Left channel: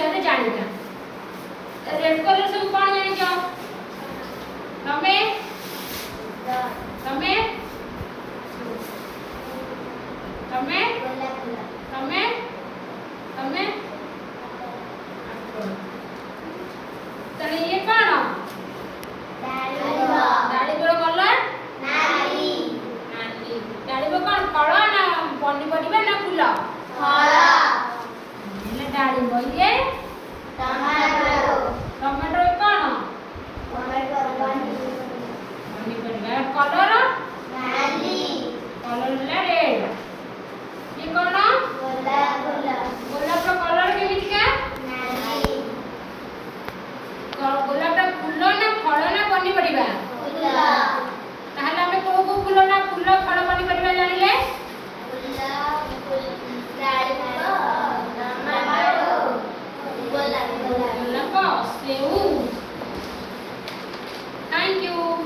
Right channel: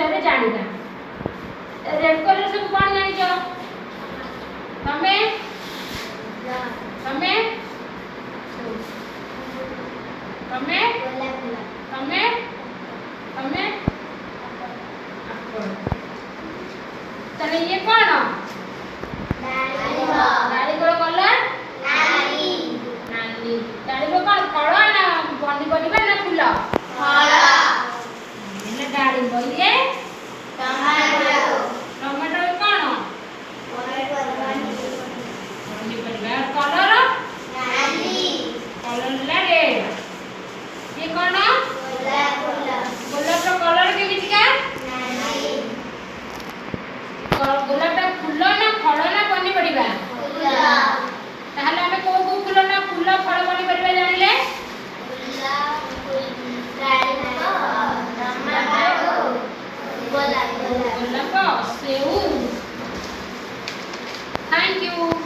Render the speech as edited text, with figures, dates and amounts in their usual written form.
विषय जानिबा red colour सब कोन जानि छ तमे तमे तमे तमे तमे चले ये कौन डाळिंबर कलर नाली नाली डाळिंबर कौन फल ना पनिपरिबा ना फूल फल એટલે डाळिंबर ये टमाटो टमाटो कौन पनिपरिबा कलर नाली कलर ले रेड ये कौन गोलाप कलर केमितिका गोलापटा फूल ना फल ना पनिपरिबा फूल ताहले हमें को को फूल ना फूल फल पनिपरिबा जानिले गोलाप सेऊ थैंक यू।